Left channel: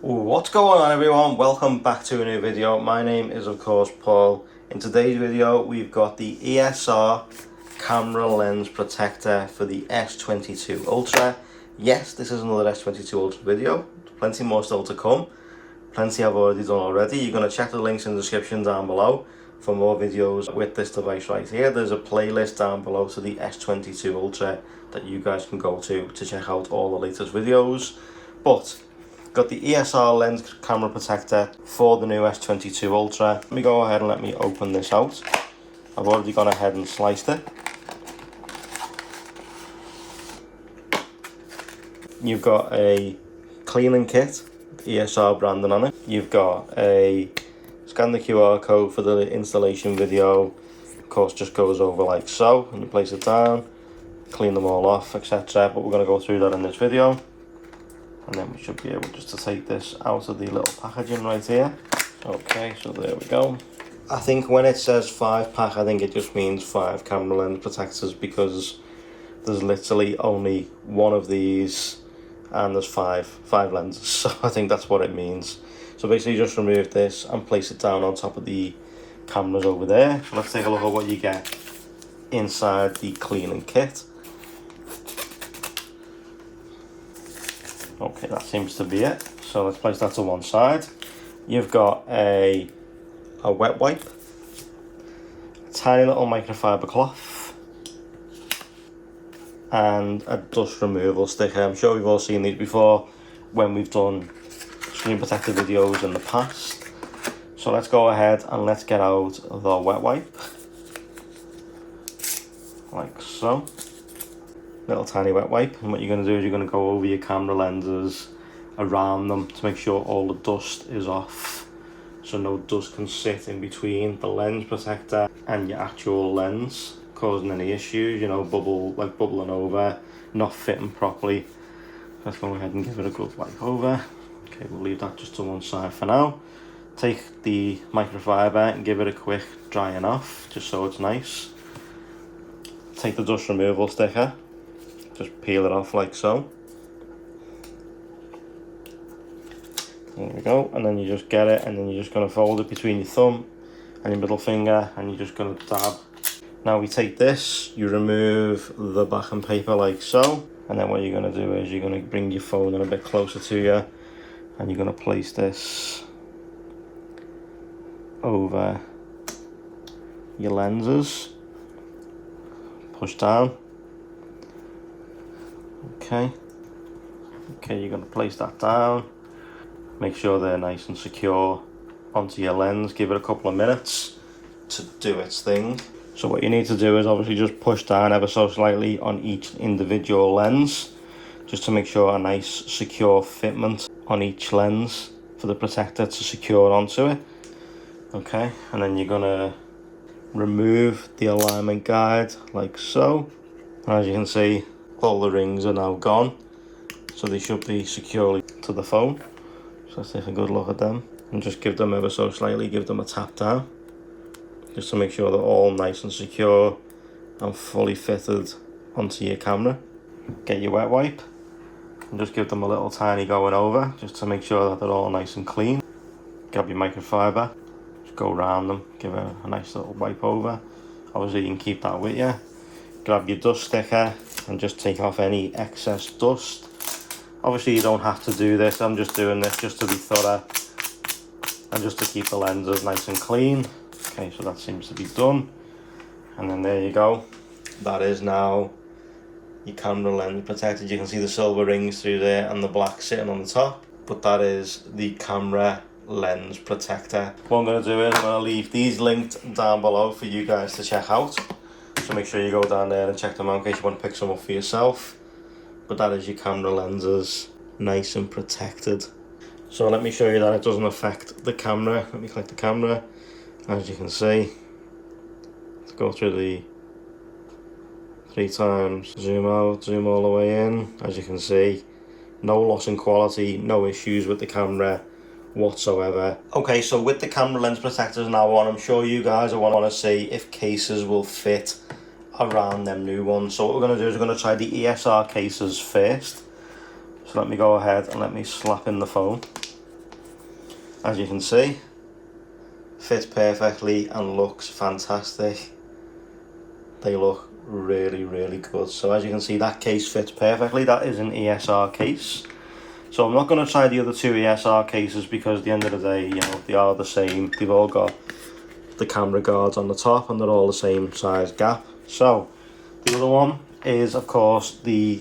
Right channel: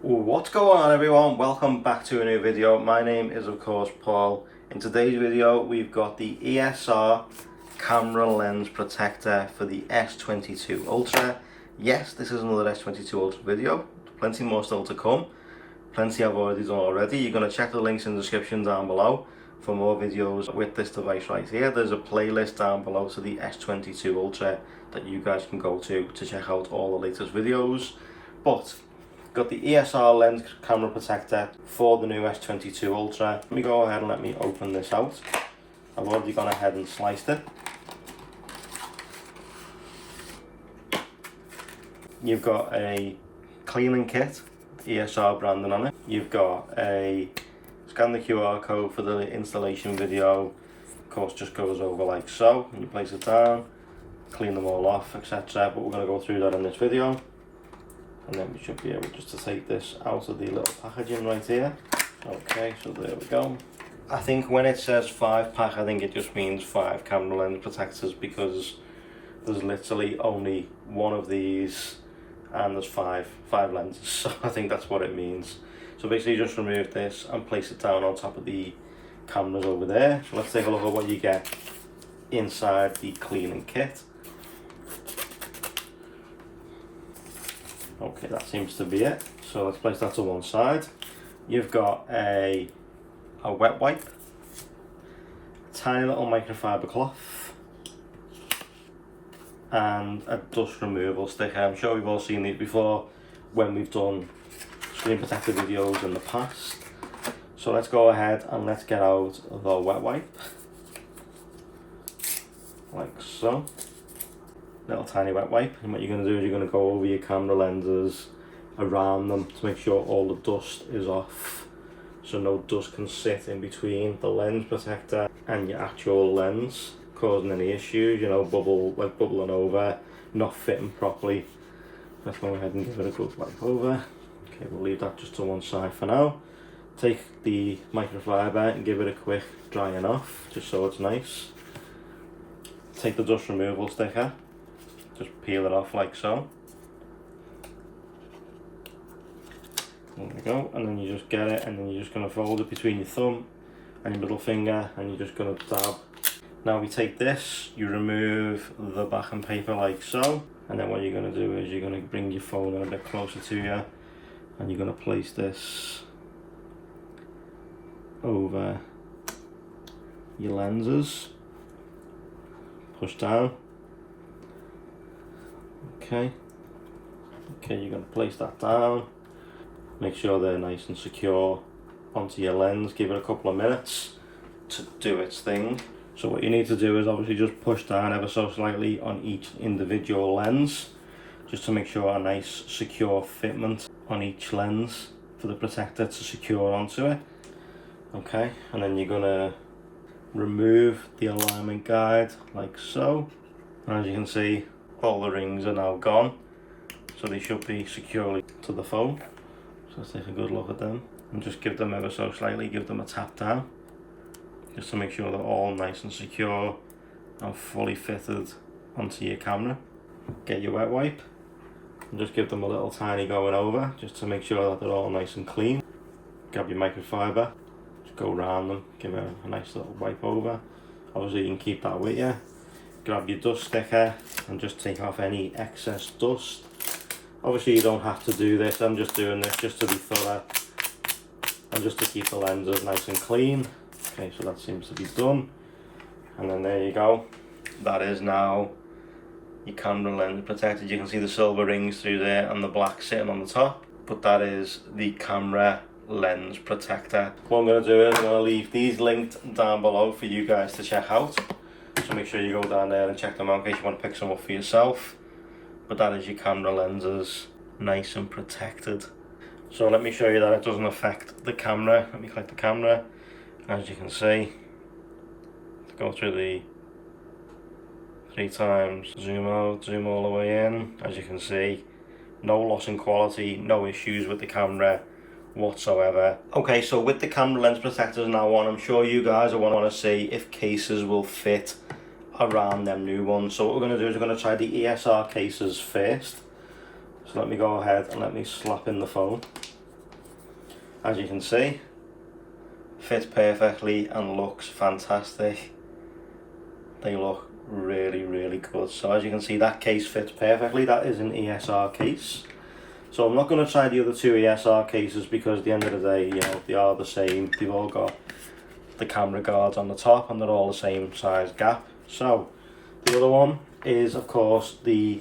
What's going on, everyone? Welcome back to a new video. My name is of course Paul. In today's video we've got the ESR camera lens protector for the S22 Ultra. Yes, this is another S22 Ultra video. Plenty more still to come. Plenty I've already done already. You're going to check the links in the description down below for more videos with this device right here. There's a playlist down below to the S22 Ultra that you guys can go to check out all the latest videos. But got the ESR lens camera protector for the new S22 Ultra. Let me go ahead and let me open this out. I've already gone ahead and sliced it. You've got a cleaning kit, ESR branding on it. You've got a scan the QR code for the installation video. Of course, just goes over like so, and you place it down, clean them all off, etc. But we're going to go through that in this video. And then we should be able just to take this out of the little packaging right here. Okay, so there we go. I think when it says 5-pack, I think it just means 5 camera lens protectors, because there's literally only one of these and there's five lenses. So I think that's what it means. So basically just remove this and place it down on top of the cameras over there. So let's take a look at what you get inside the cleaning kit. Okay, that seems to be it. So let's place that to one side. You've got a wet wipe, a tiny little microfiber cloth, and a dust removal sticker. I'm sure we've all seen these before when we've done screen protector videos in the past. So let's go ahead and let's get out the wet wipe, like so. Little tiny wet wipe, and what you're going to do is you're going to go over your camera lenses, around them, to make sure all the dust is off, so no dust can sit in between the lens protector and your actual lens, causing any issues, you know, bubbling over, not fitting properly. Let's go ahead and give it a good wipe over. Okay, we'll leave that just to one side for now. Take the microfiber and give it a quick drying off, just so it's nice. Take the dust removal sticker, just peel it off like so. There we go, and then you just get it, and then you're just going to fold it between your thumb and your middle finger, and you're just going to dab. Now we take this, you remove the backing paper like so, and then what you're going to do is you're going to bring your phone in a bit closer to you, and you're going to place this over your lenses, push down. Okay, you're going to place that down, make sure they're nice and secure onto your lens, give it a couple of minutes to do its thing. So what you need to do is obviously just push down ever so slightly on each individual lens, just to make sure a nice secure fitment on each lens for the protector to secure onto it. Okay, and then you're going to remove the alignment guide like so. And as you can see, all the rings are now gone, so they should be securely to the phone. So let's take a good look at them and just give them ever so slightly, give them a tap down, just to make sure they're all nice and secure and fully fitted onto your camera. Get your wet wipe and just give them a little tiny going over, just to make sure that they're all nice and clean. Grab your microfiber, just go around them, give it a nice little wipe over. Obviously you can keep that with you. Grab your dust sticker and just take off any excess dust. Obviously you don't have to do this, I'm just doing this just to be thorough and just to keep the lenses nice and clean. Okay, so that seems to be done, and then there you go. That is now your camera lens protected. You can see the silver rings through there and the black sitting on the top, but that is the camera lens protector. What I'm going to do is I'm going to leave these linked down below for you guys to check out. So make sure you go down there and check them out in case you want to pick some up for yourself. But that is your camera lenses, nice and protected. So let me show you that it doesn't affect the camera. Let me click the camera. As you can see, let's go through the 3 times, zoom out, zoom all the way in. As you can see, no loss in quality, no issues with the camera whatsoever. Okay, so with the camera lens protectors now on, I'm sure you guys will want to see if cases will fit around them new ones. So what we're going to do is we're going to try the ESR cases first. So let me go ahead and let me slap in the phone. as you can see, fits perfectly and looks fantastic. They look really, really good. So as you can see, that case fits perfectly. That is an ESR case. So I'm not going to try the other two ESR cases because at the end of the day, you know, they are the same. They've all got the camera guards on the top and they're all the same size gap. So the other one is, of course, the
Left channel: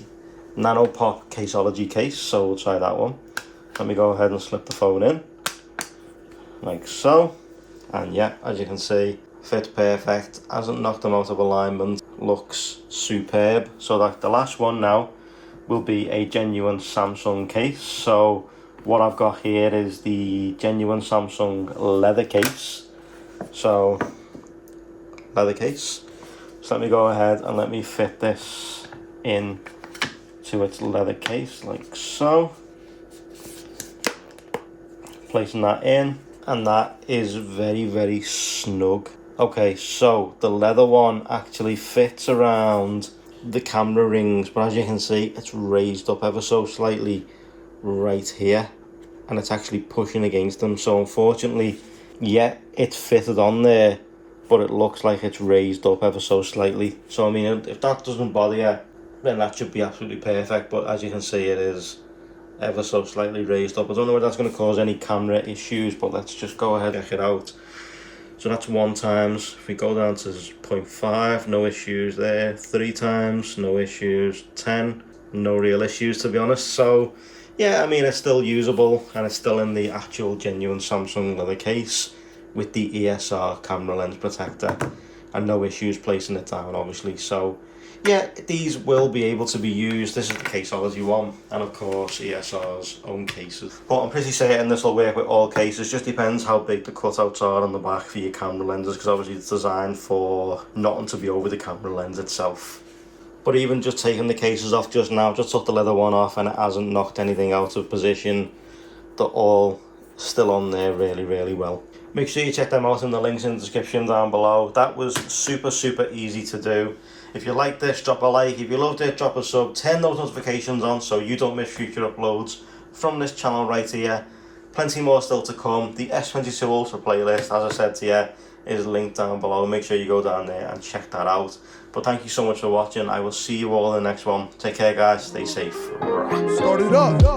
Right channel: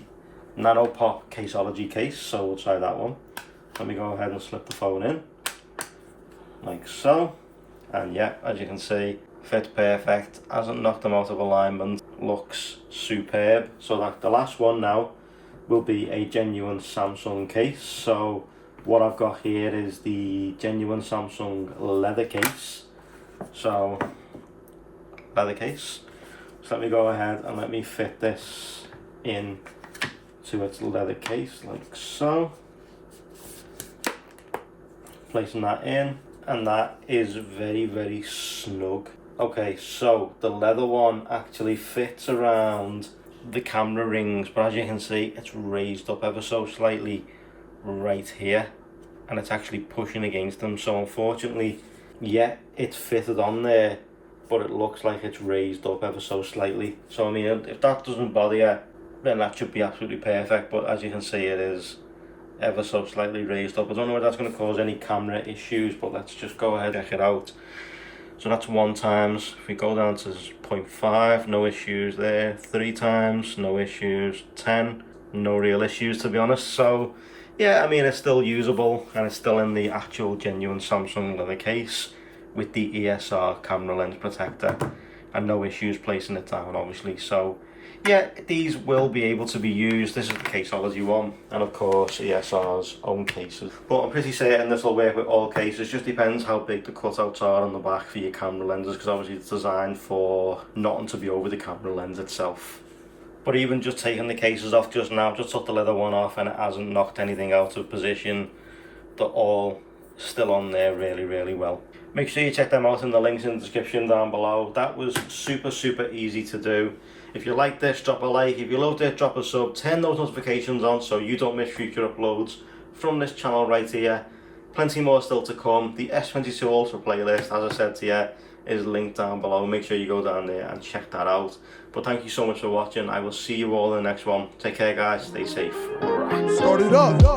Nano Pop Caseology case. So we'll try that one. Let me go ahead and slip the phone in, like so. And yeah, as you can see, fits perfect, hasn't knocked them out of alignment, looks superb. So that the last one now will be a genuine Samsung case. So what I've got here is the genuine Samsung leather case. So leather case. So let me go ahead and let me fit this in to its leather case, like so. Placing that in, and that is very, very snug. Okay, so the leather one actually fits around the camera rings, but as you can see, it's raised up ever so slightly right here, and it's actually pushing against them. So unfortunately, yeah, it fitted on there, but it looks like it's raised up ever so slightly. So I mean, if that doesn't bother you, then that should be absolutely perfect. But as you can see, it is ever so slightly raised up. I don't know if that's going to cause any camera issues, but let's just go ahead and check it out. So that's 1 times. If we go down to 0.5, no issues there. 3 times, no issues. 10, no real issues, to be honest. So yeah, I mean, it's still usable and it's still in the actual genuine Samsung leather case with the ESR camera lens protector, and no issues placing it down, obviously. So yeah, these will be able to be used. This is the Caseology one, and of course ESR's own cases. But I'm pretty certain this will work with all cases. Just depends how big the cutouts are on the back for your camera lenses, because obviously it's designed for nothing to be over the camera lens itself. But even just taking the cases off just now, just took the leather one off and it hasn't knocked anything out of position. They're all still on there really, really well. Make sure you check them out in the links in the description down below. That was super, super easy to do. If you like this, drop a like. If you loved it, drop a sub. Turn those notifications on so you don't miss future uploads from this channel right here. Plenty more still to come. The S22 Ultra playlist, as I said to you, is linked down below. Make sure you go down there and check that out. But thank you so much for watching. I will see you all in the next one. Take care, guys. Stay safe. Start it up.